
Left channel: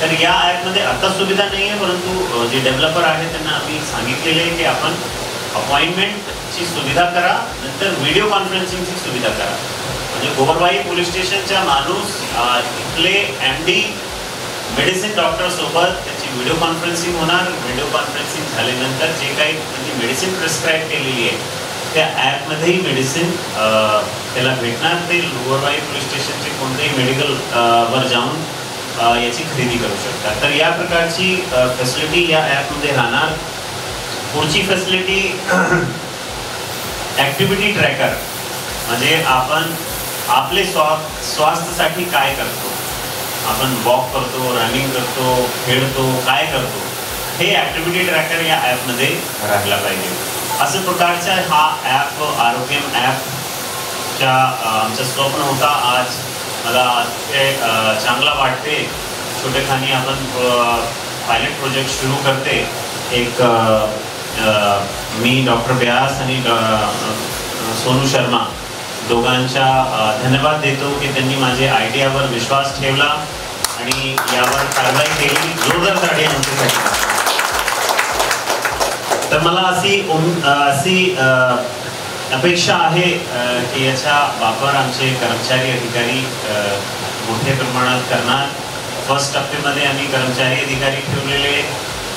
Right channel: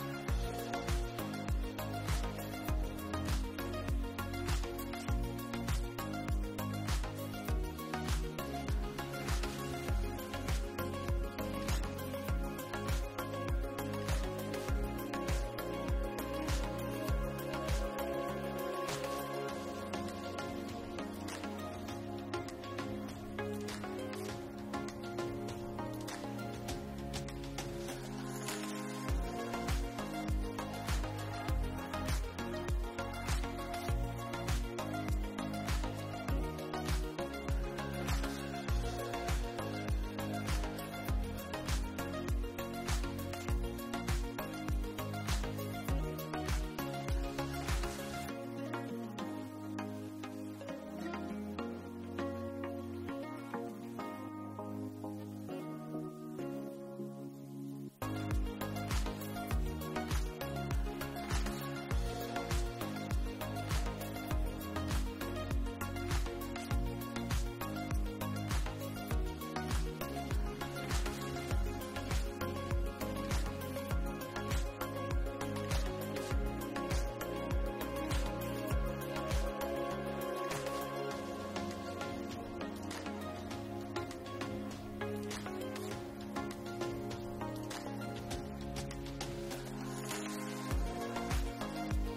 तर या ॲपमध्ये आता सुविधा नाही आहे, परंतु जे डेव्हलपर आहे त्यांना आम्ही सांगितलेले आहे की आपण अपॉइंटमेंटची सुविधा करा, नंतर व्हिडिओ कॉन्फरन्सिंगची सुविधा करा. म्हणजे गोवरवाही पोलीस स्टेशनचा माणूस इथले MD मेडिसिन डॉक्टरसोबत त्याची व्हिडिओ कॉन्फरन्सिंग होणार. व्हिडिओ कॉन्फरन्सिंग झाल्यानंतर जे काही म्हणजे मेडिसिन प्रिस्क्राईब केलेली आहे त्या ॲपमध्येही मेडिसिन त्याला भेटणार. ते गोवरवाही पोलीस स्टेशनचे कोणतेही मेडिकल वर जाऊन याची खरेदी करू शकतात. तर या प्रकारची फॅसिलिटी या ॲपमध्ये राहणार. पुढची फॅसिलिटी ॲक्टिव्हिटी ट्रॅकर, म्हणजे आपण आपले स्वास्थ्यासाठी काय करतो, आपण वॉक करतो, रनिंग करतो, खेळतो, काय करतो, हे ॲक्टिव्हिटी ट्रॅकर या ॲपमध्ये राहायला पाहिजे. अशा प्रकारचा हा ॲप आरोग्यम ॲपच्या आमचं स्वप्न होता. आज मला ते चांगला वाटते. छोटेखानी आपण पायलट प्रोजेक्ट सुरू करते. एक मी डॉक्टर व्यास आणि सोनू शर्मा दोघांच्या धन्यवाद देतो की त्यांनी माझ्या आयडियावर विश्वास ठेवला आणि यावर कारवाई केली. जोरदार ताडी आमच्यासाठी. तर मला अशी अपेक्षा आहे की याचा वापर आमचे कर्मचारी अधिकारी मोठ्या प्रमाणात करणार. फर्स्ट टप्प्यामध्ये आम्ही कर्मचारी अधिकारी ठेवलेले.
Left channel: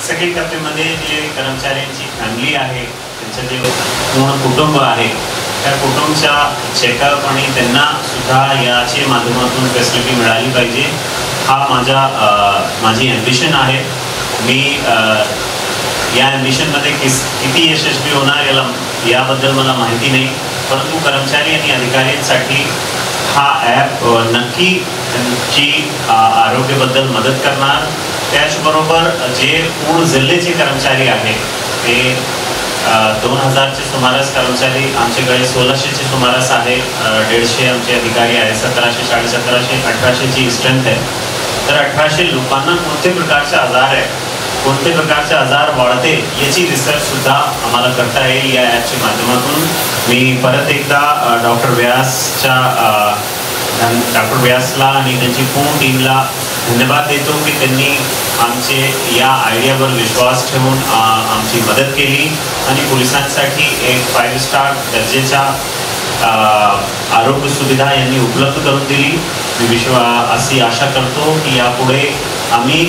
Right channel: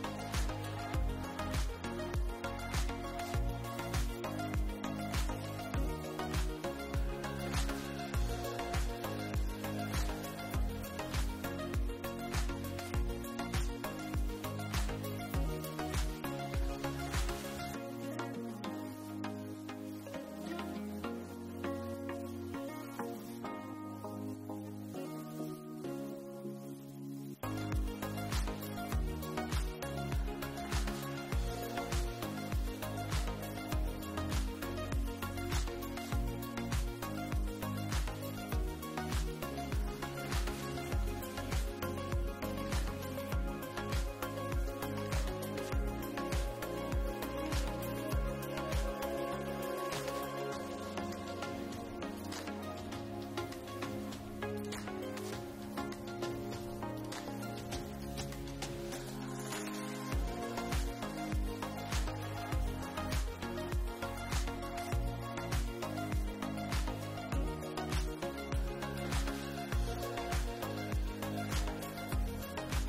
सेकंड टप्प्यामध्ये जे कर्मचाऱ्यांची फॅमिली आहे, त्यांचं जे पूर्ण कुटुंब आहे, त्या कुटुंबाच्या चेकअप आणि त्यांना सुद्धा याच्या माध्यमातून फॅसिलिटी मिळाली पाहिजे. हा माझी ॲम्बिशन आहे. मी या ॲम्बिशनमध्ये किती यशस्वी होणार याबद्दल मला माहिती नाही, परंतु कर्मचारी आणि अधिकाऱ्यांसाठी हा ॲप नक्की त्यांची आरोग्याबद्दल मदत करणार. त्याचबरोबर जे पूर्ण जिल्ह्याचे कर्मचारी आहेत ते 2000चे सुमारास कर्मचारी आमच्याकडे 1600चे सुमारास आहे. 150 आमचे अधिकारी आहे. 1700, 1750, 1800ची स्ट्रेंथ आहे. तर 1800 लोकांना कोणते प्रकारचे आजार आहे, कोणते प्रकारचे आजार वाढते याची रिसर्च सुद्धा आम्हाला करता येईल या ॲपच्या माध्यमातून. मी परत एकदा डॉक्टर व्यासला आणि त्यांची पूर्ण टीमला धन्यवाद देतो की त्यांनी आमचे या आयडियावर विश्वास ठेवून आमची मदत केली आणि पोलिसांसाठी एक 5 स्टार दर्जेचा आरोग्य सुविधा यांनी उपलब्ध करून दिली. मी अशी आशा करतो की यापुढे आम्ही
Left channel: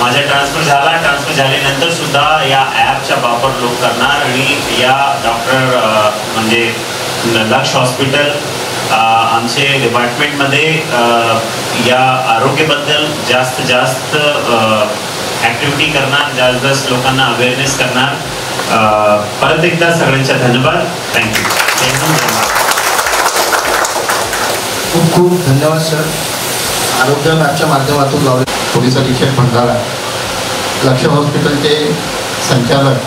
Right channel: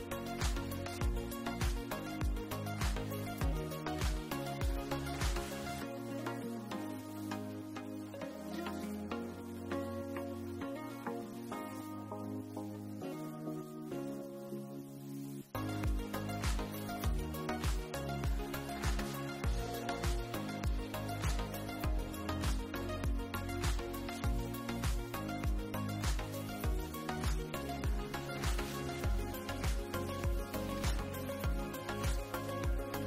माझा ट्रान्सफर झाल्यानंतर सुद्धा या ॲपचा वापर लोक करणार आणि या डॉक्टर म्हणजे लक्ष हॉस्पिटल आमचे डिपार्टमेंटमध्ये या आरोग्याबद्दल जास्त ॲक्टिव्हिटी करणार, जास्त लोकांना अवेअरनेस करणार. परत एकदा सगळ्यांचा धन्यवाद. थँक्यू. खूप खूप धन्यवाद सर. आरोग्य ॲपच्या माध्यमातून लावले पोलीस अधीक्षक भंडारा, लक्ष हॉस्पिटलचे संचालक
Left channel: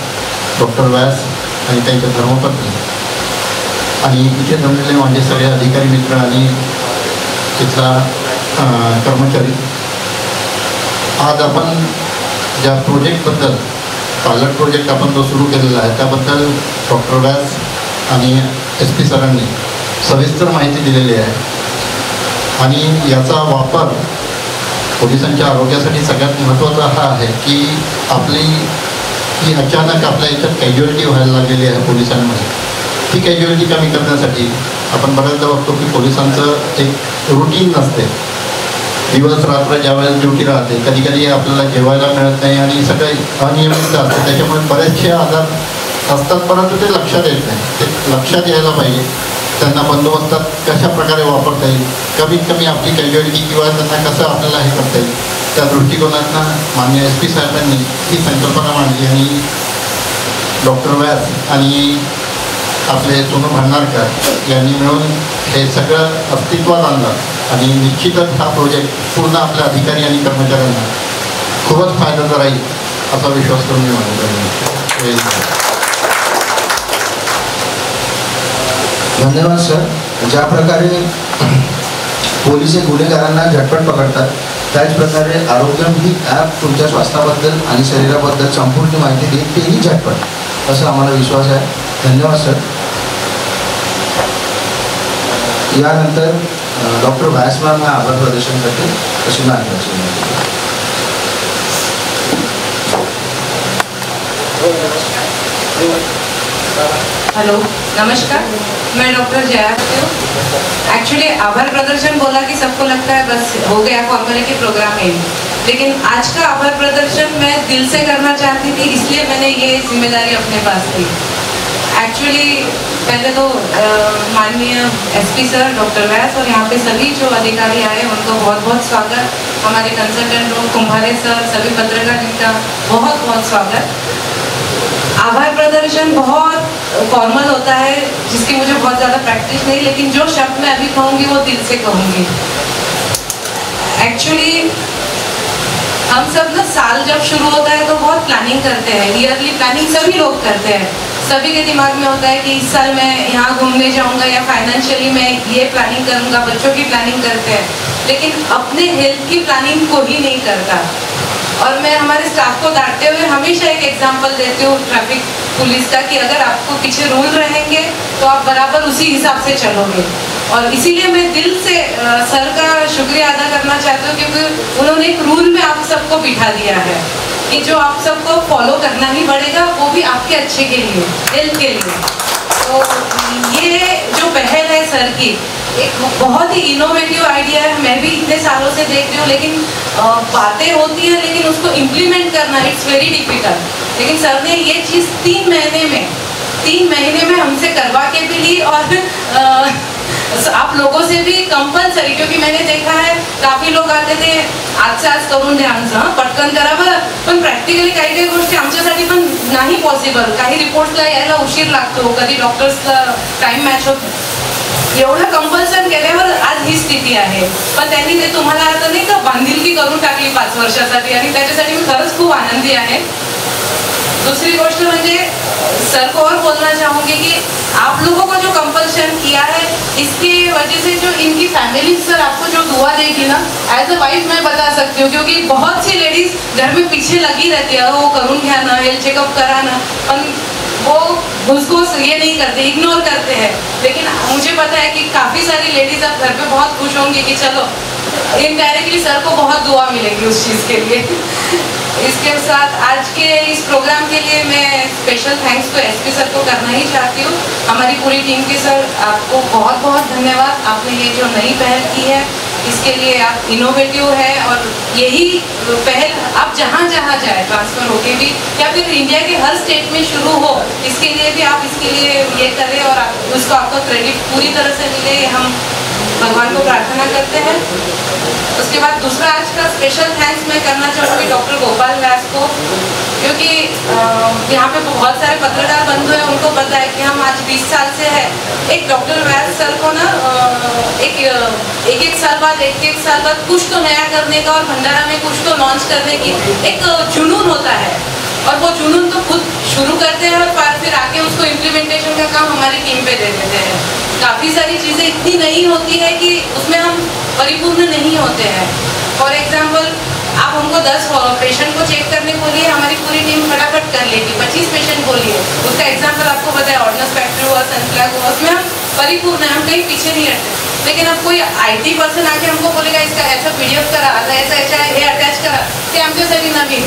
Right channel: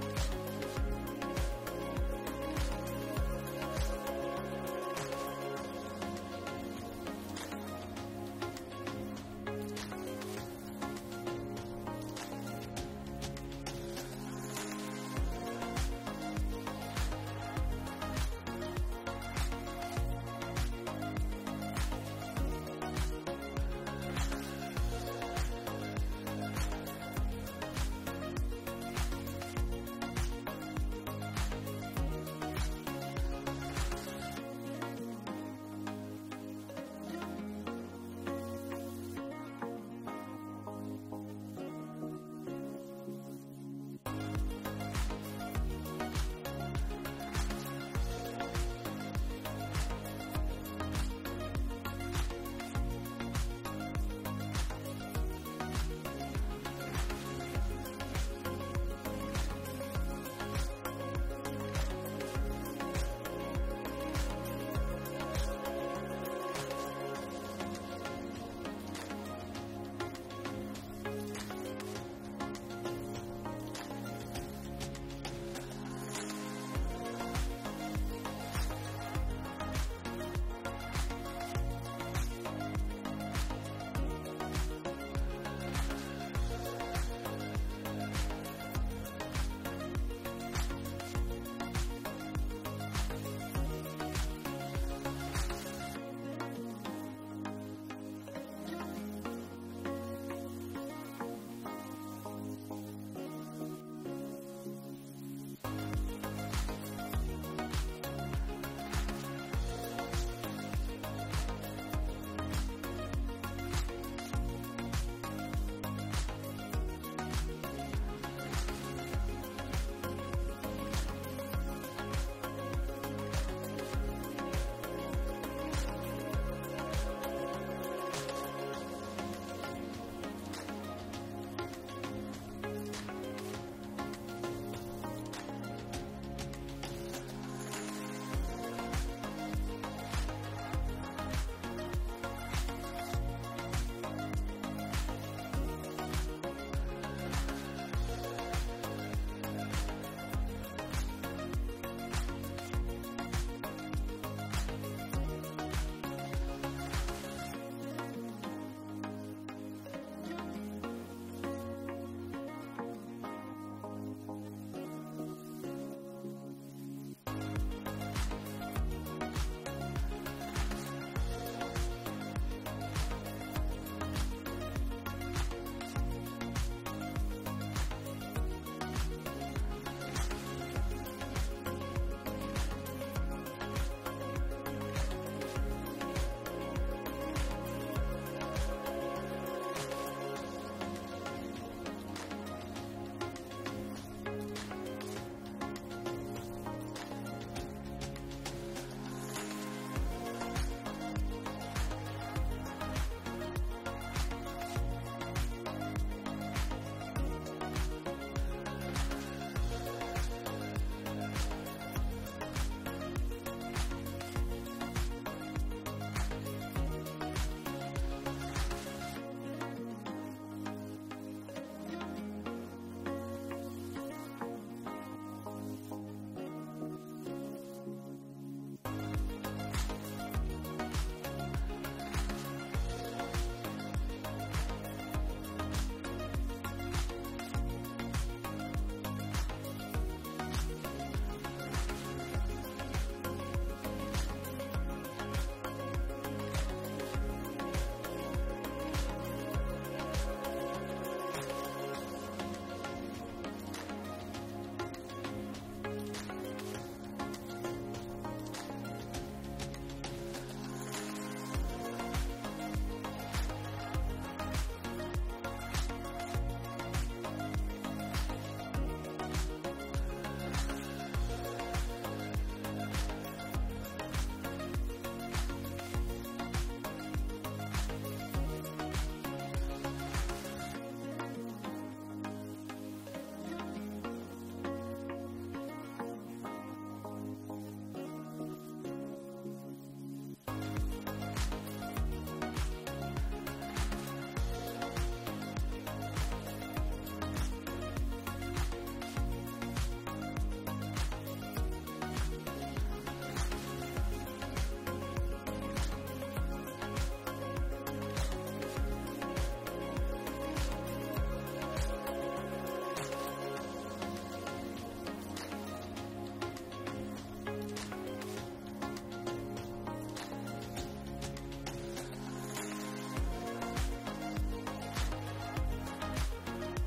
डॉक्टर व्यास आणि त्यांच्या धर्मपत्नी आणि इथे जमलेले माझे सगळे अधिकारी मित्र आणि तिथला कर्मचारी. आज आपण ज्या प्रोजेक्टबद्दल पायलट प्रोजेक्ट आपण जो सुरू केलेला आहे त्याबद्दल डॉक्टर व्यास आणि SP सरांनी सविस्तर माहिती दिलेली आहे आणि याचा वापर पोलिसांच्या आरोग्यासाठी सगळ्यात महत्त्वाचा हा आहे की आपली ही अचानक आपल्या याच्यात कॅज्युअलिटी व्हायला लागलेली आहे पोलिसांमध्ये. ती कॅज्युअलिटी कमी करण्यासाठी आपण बऱ्याचदा बघतो की पोलिसांचं एक रुटीन नसते. दिवस रात्र ज्यावेळेस ड्युटी राहते कधी कधी आपल्याला जेवायला मिळत नाही आणि सगळे अनियमितता असते. त्याच्यामुळे बरेचसे आजार असतात परंतु ते लक्षात येत नाही. ते लक्षात यायला पाहिजे. त्यांना बंदोबस्तात कशा प्रकारे वापरता येईल, कमीत कमी आपली कॅज्युअलिटी किंवा त्यांना कसं आपल्याला हे करता येईल त्या दृष्टिकोनातनं माननीय SP साहेबांनी ही संकल्पना मांडली आणि डॉक्टर व्यास आणि आपले सोनू भांडारकर यांनी मिळून हे सगळं अस्तित्वात आणलं आणि निश्चितच हा प्रोजेक्ट पूर्ण आपल्या अधिकारी आणि कर्मचाऱ्यांना खूपच फायद्याचा राहील असा विश्वास करून मी मानतो. धन्यवाद सर. ज्या प्रकारे पोलीस गुन्हेगारांना झटपट पकडतात त्याचप्रकारे आरोग्यम ही ॲप तुमच्या स्वास्थ्याबद्दल आणि शरीराबद्दल संपूर्ण माहिती देत तेही झटपट असं आम्हाला विश्वास आहे. धन्यवाद सर. यानंतर डॉक्टर व्यास मॅम आभार प्रदर्शन करते अशी मार्गदर्शन. हेलो नमस्कार, मैं डॉक्टर जया हूँ. एक्चुअली आभार प्रदर्शन बोला कि सबको लगता है बस हो गया फॉर्मेलिटी प्रोग्राम है, लेकिन आज का आभार प्रदर्शन मैं दिल से करना चाहती थी, इसलिए मैंने ये जिम्मेदारी अपने पास ली. एक्चुअली पहले तो माननीय SP सर, डॉक्टर व्यास और यहाँ पे सभी जो अधिकारी आए उनको बहुत बहुत स्वागत. हमारे कंसल्टेंट कुंभारे सर, सभी पत्रकार इनका बहुत बहुत स्वागत. आभार प्रदर्शन बहुत फॉर्मल होता है जिसकी मुझे बहुत ज़्यादा प्रैक्टिस नहीं, लेकिन जो शब्द मैं अभी कहूँगी वो दिल से कहूँगी. एक्चुअली हम सब ना साल जब शुरू होता है तो बहुत प्लानिंग करते हैं. ईयरली प्लानिंग सभी लोग करते हैं. सभी के दिमाग में होता है कि इस साल मैं यहाँ घूमने जाऊँगा या फाइनेंशियली मैं ये प्लानिंग करूँगा. बच्चों की प्लानिंग करते हैं, लेकिन अपने हेल्थ की प्लानिंग को ही नहीं करता. और मैं हमारे स्टाफ को डांटते हुए हमेशा एक एग्जांपल देती हूँ ट्रैफिक पुलिस का कि अगर आपको पीछे रूल रहेंगे तो आप बराबर उसी हिसाब से चलोगे. और इसीलिए मैं दिल से सर का शुक्रिया अदा करना चाहती हूँ, क्योंकि उन्होंने एक रूल में आप सबको बिठा दिया है कि जो आप सबको फॉलो करना ही पड़ेगा, वो भी आपके अच्छे के लिए, हेल्थ के लिए. तो ये जो पहल है सर की, एक बहुत ही इनोवेटिव आइडिया है. मैं भी इतने सालों से देख रही हूँ, लेकिन बातें होती हैं लेकिन उसको इम्प्लीमेंट करना इट्स वेरी डिफिकल्ट. लेकिन सर ने ये चीज़ 3 महीने में हमसे करवा के भी ली, और आप लोगों से भी कंपल्सरी, क्योंकि मैंने देखा है काफी लोक आते थे आज करून द्या आमचं पटकन करा बरं, पण प्रॅक्टिकली काही काही गोष्टी आमच्यासाठी पण नाही पॉसिबल. काही रिपोर्ट्सला यायला उशीर लागतो, कधी डॉक्टर्सला टाइम मॅच होत. एवढं कंपल्सन केल्यावर आज ही स्थिती आहे. पण त्यांनी ते तुम्हाला आता नाही का बांधिलकी करून टाकली 5 वर्षासाठी, आणि त्याच्यासाठी मी खरंच खूप आनंदी आहे. दूसरी गोष्ट म्हणजे सर को और बोलना चाहूँगी कि आप लोगों को जो कंपल्शन किया है, इसकी वजह से जो इनकी फैमिली सर आपको जो दुआ देगी ना, एज अ वाइफ मैं बता सकती हूँ, क्योंकि बहुत सी लेडीज घर में पीछे लगी रहती है, वो करून घ्या ना, हेल्थ चेकअप करा ना, पण वो उसको ये नहीं करते, इग्नोर करते हैं. लेकिन मुझे पता है कि काफ़ी सारी लेडीज अब घर पे बहुत खुश होंगी कि चलो इनडायरेक्टली सर को बहुत दुआ मिलेगी उस चीज़ के लिए. इसके साथ आज के इस प्रोग्राम के लिए मैं स्पेशल थैंक्स तो SP सर को करना ही चाहती हूँ. हमारी पूरी टीम के सर आपको बहुत बहुत धन्यवाद. आपने ये जो नई पहल की है, इसके लिए आप इनोवेटिव है, और यही पहल आप जहाँ जहाँ जाए ट्रांसफ़र होके भी, या फिर इंडिया के हर स्टेट में शुरू हो, इसके लिए भी आप इसके लिए ये करें और उसको आपको क्रेडिट पूरी तरह से मिले, हम भगवान को प्रार्थना करते हैं. उसके बाद दूसरा आज का स्पेशल थैंक्स मैं करना चाहूँगी डॉक्टर गोपाल व्यास को, क्योंकि यहाँ पे बहुत सारे पत्रकार बंधु हैं, उनको पता है कि हम आज 20 साल से है. एक डॉक्टर व्यास सर को ना एक साल बाद कुछ तो नया करने का और भंडारा में कुछ तो लॉन्च करने की एक जुनून होता है, और वो जुनून तो खुद शुरू करते हैं और फिर आके उसको इम्प्लीमेंटेशन का काम हमारी टीम पे दे देते हैं. काफ़ी सारी चीज़ें इतनी नई होती है कि उसमें हम परिपूर्ण नहीं होते हैं. फॉर एग्जाम्पल, आप हमको 10 पेशेंट को चेक करने बोलिए, हमारी पूरी टीम फटाफट कर लेगी. 25 पेशेंट बोलिए, उसका एग्जाम्पल आपको पता है, ऑर्डिनल फैक्ट्री हुआ, सनफ्लैग हुआ, उसमें हम परिपूर्ण हैं, हम कहीं पीछे नहीं हटते. लेकिन अब कोई IT पर्सन आके हमको बोलेगा इसका ऐसा PDF करा, ऐसा हे अटैच करा, ते आमच्यासाठी नवीन.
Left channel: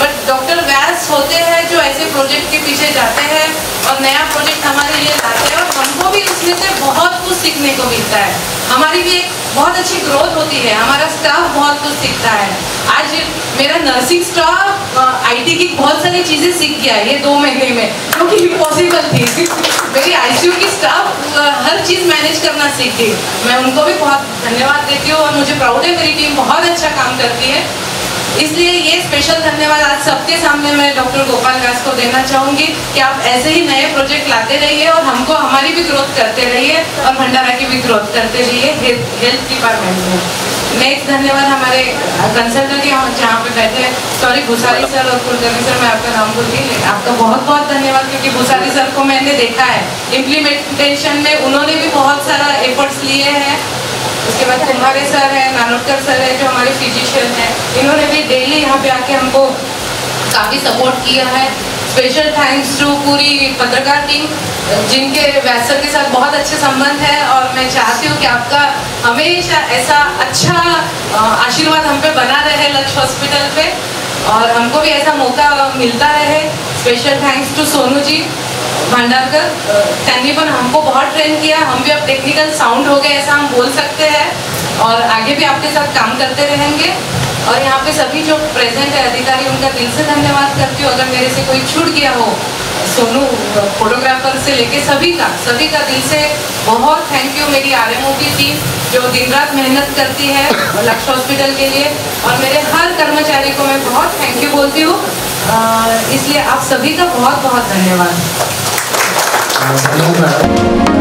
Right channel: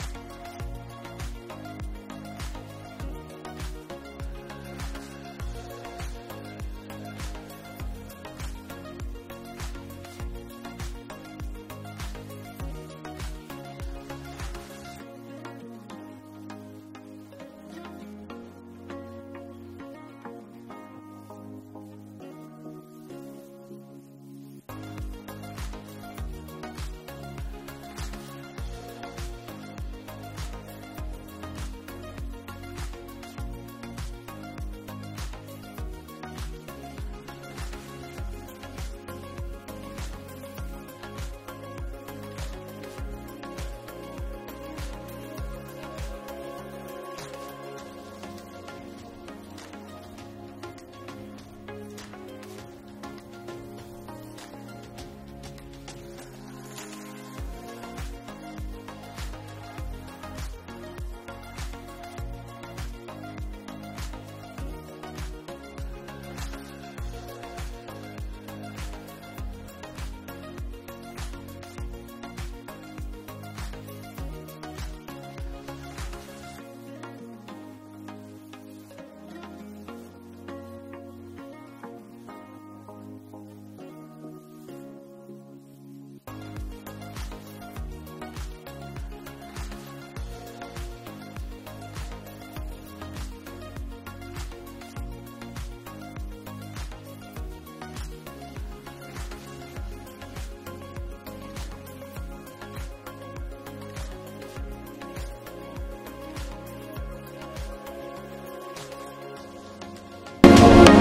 बट डॉक्टर व्यास होते हैं जो ऐसे प्रोजेक्ट के पीछे जाते हैं और नया प्रोजेक्ट हमारे लिए लाते हैं, और हमको भी उसमें से बहुत कुछ सीखने को मिलता है. हमारी भी एक बहुत अच्छी ग्रोथ होती है, हमारा स्टाफ बहुत कुछ सीखता है. आज मेरा नर्सिंग स्टाफ IT की बहुत सारी चीज़ें सीख गया है ये 2 महीने में, जो कि इम्पॉसिबल थी. मेरी ICU की स्टाफ हर चीज़ मैनेज करना सीख गई. मैं उनको भी बहुत धन्यवाद देती हूँ, और मुझे प्राउड है मेरी टीम बहुत अच्छा काम करती है. इसलिए ये स्पेशल धन्यवाद आज सबके सामने मैं डॉक्टर गोपाल व्यास को देना चाहूँगी कि आप ऐसे ही नए प्रोजेक्ट लाते रहिए और हमको हमारी भी ग्रोथ करते रहिए और भंडारा की भी ग्रोथ करते रहिए हेल्थ डिपार्टमेंट में। नेक्स्ट धन्यवाद हमारे कंसल्टेंट जहाँ पे बैठे हैं, सॉरी भूसारी सर और कुलकर्णी सर, मैं आपका नाम भूल गई, आपका बहुत बहुत धन्यवाद, क्योंकि भूसारी सर को मैंने देखा है इम्प्लीमेंटेशन में, उन्होंने भी बहुत सारा एफर्ट्स लिए हैं। उसके बाद कुम्हारे सर है, नानोटकर सर है जो हमारे फिजिशियन हैं, इन्होंने भी डेली यहाँ पे आके हमको काफ़ी सपोर्ट किया है। स्पेशल थैंक्स टू पूरी पत्रकार टीम जिनके व्यास सर के साथ बहुत अच्छे संबंध है, और मैं चाहती हूँ कि आपका हमेशा ऐसा अच्छा आशीर्वाद हम पे बना रहे लक्ष्य हॉस्पिटल पे, और हमको भी ऐसा मौका मिलता रहे। Special thanks to Sonu ji Bhandarkar, त्यांनी पण हमको बहुत ट्रेन किया, हम भी अब टेक्निकल साउंड हो गए ऐसा हम बोल सकते हैं, और आगे भी आपके साथ काम करते रहेंगे। और यहाँ पे सभी जो प्रेजेंट है अधिकारी, उनका दिल से धन्यवाद करती हूँ। अगर मेरे से कोई छूट गया हो, सोनू फोटोग्राफर से लेके सभी का दिल से बहुत थैंक यू। मेरी आरएमओ की टीम जो दिन रात मेहनत करती है लक्ष्य हॉस्पिटल के लिए, और मेरे हर कर्मचारी को मैं बहुत थैंक यू बोलती हूँ। इसलिए आप सभी का बहुत बहुत धन्यवाद। धन्यवाद।